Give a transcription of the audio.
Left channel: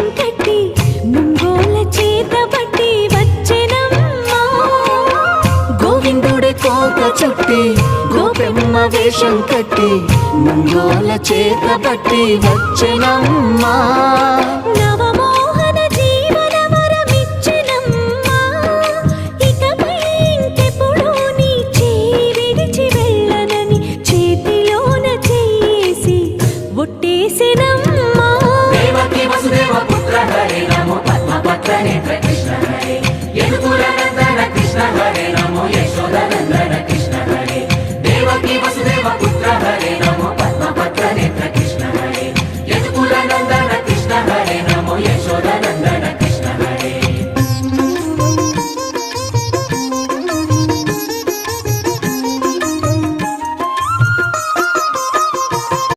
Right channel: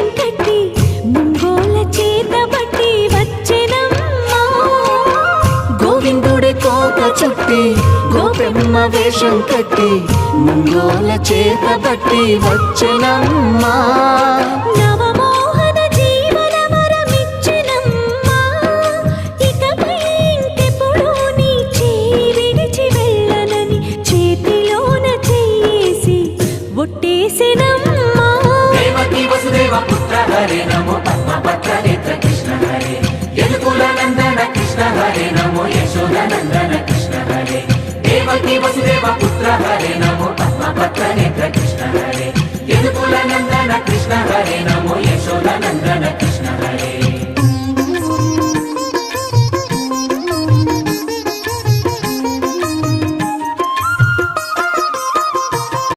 వేషం కట్టి ముంగోల చేతబట్టి వచ్చెనమ్మా. గోవిందుడే కోక చుట్టి గోపెమ్మ వేషం కట్టి ముంగోల చేతబట్టి వచ్చెనమ్మా. నవమోహన జీవన వరమిచ్చెనమ్మా. ఇకపై ఇంకెప్పుడు నీ చేయి విడిచి వెళ్ళనని చేతిలోన చెయ్యేసి ఒట్టేసెనమ్మా.